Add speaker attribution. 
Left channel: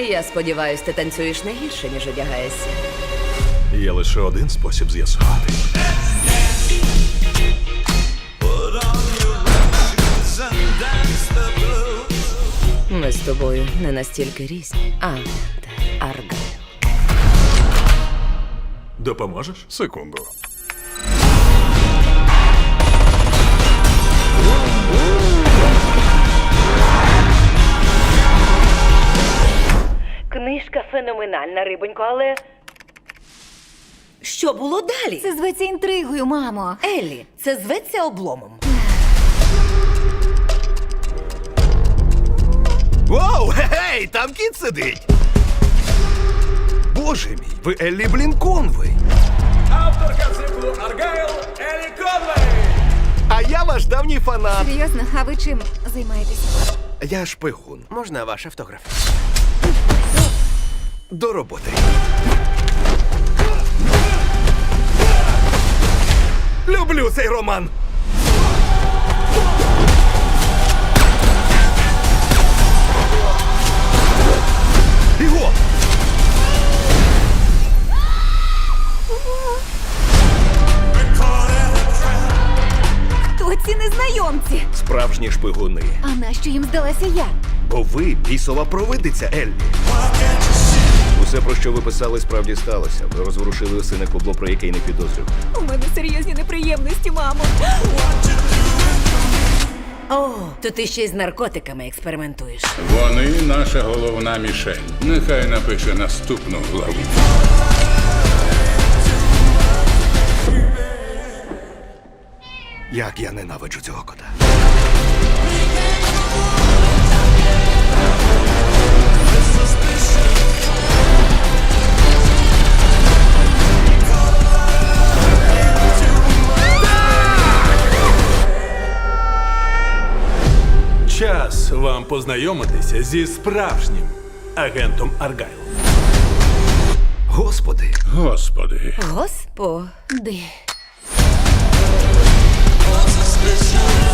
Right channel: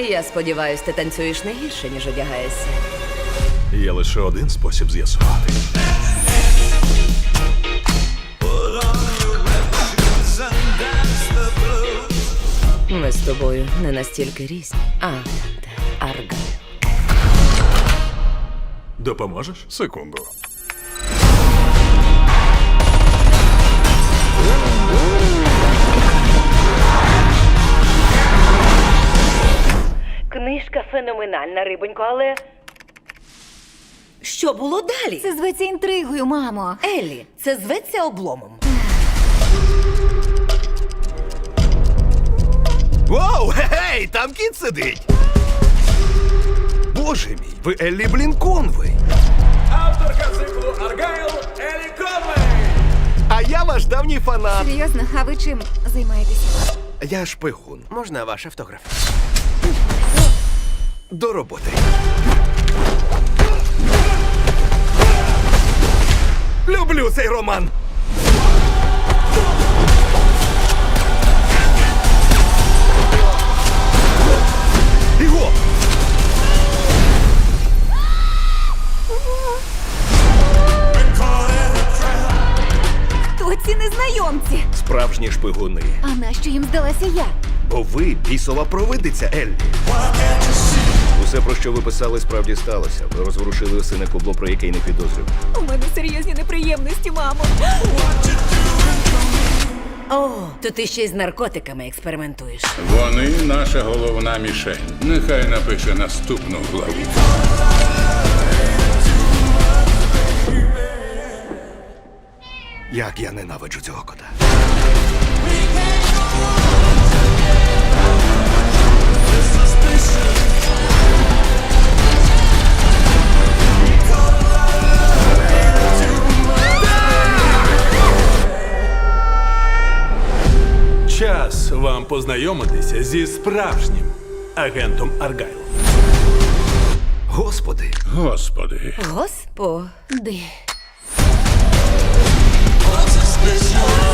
Speaker 1: Я сподіваюсь, ти танцюєш не гірше, ніж одягаєшся.
Speaker 2: Є лише один спосіб з'ясувати.
Speaker 1: Ми з тобою не настільки різні. Аргайл.
Speaker 2: Допоможеш? Секунду.
Speaker 1: Книжка феноменальна, рибонько, але... Що було далі?
Speaker 3: Це зветься інтригою, мамо.
Speaker 1: Еллі, це зветься обломом.
Speaker 4: Воу, гей, там кіт сидить! Боже мій, ви Еллі Блінконвей.
Speaker 5: Авторка циклу Аргайл Еллі Конвей.
Speaker 4: А я ваш давній фанат.
Speaker 3: Серйозно, а ви чим займаєтеся?
Speaker 4: Я шпигун.
Speaker 5: Можна ваш автограф?
Speaker 4: До роботи. Люблю цей роман. Іго!
Speaker 3: Хто ці незнайомці?
Speaker 4: Справжні шпигуни.
Speaker 3: А нащо їм здалася я?
Speaker 4: Бо ви бісова провидиця, Еллі. Усе, про що ви писали, справді сталося. Ви розворушили у сина кубло, про яке й не підозрював.
Speaker 3: У мене серйозні неприємності, мамо.
Speaker 1: О, то ти ще й з наркотиками експериментуєш.
Speaker 6: Вони наша головна мішень. Нехай напише наступну главу.
Speaker 4: Як я ненавиджу цього кота.
Speaker 2: Час вам познайомитися зі справжнім агентом Аргайлом.
Speaker 4: Господи,
Speaker 6: Господи,
Speaker 1: Господи.
Speaker 3: Де?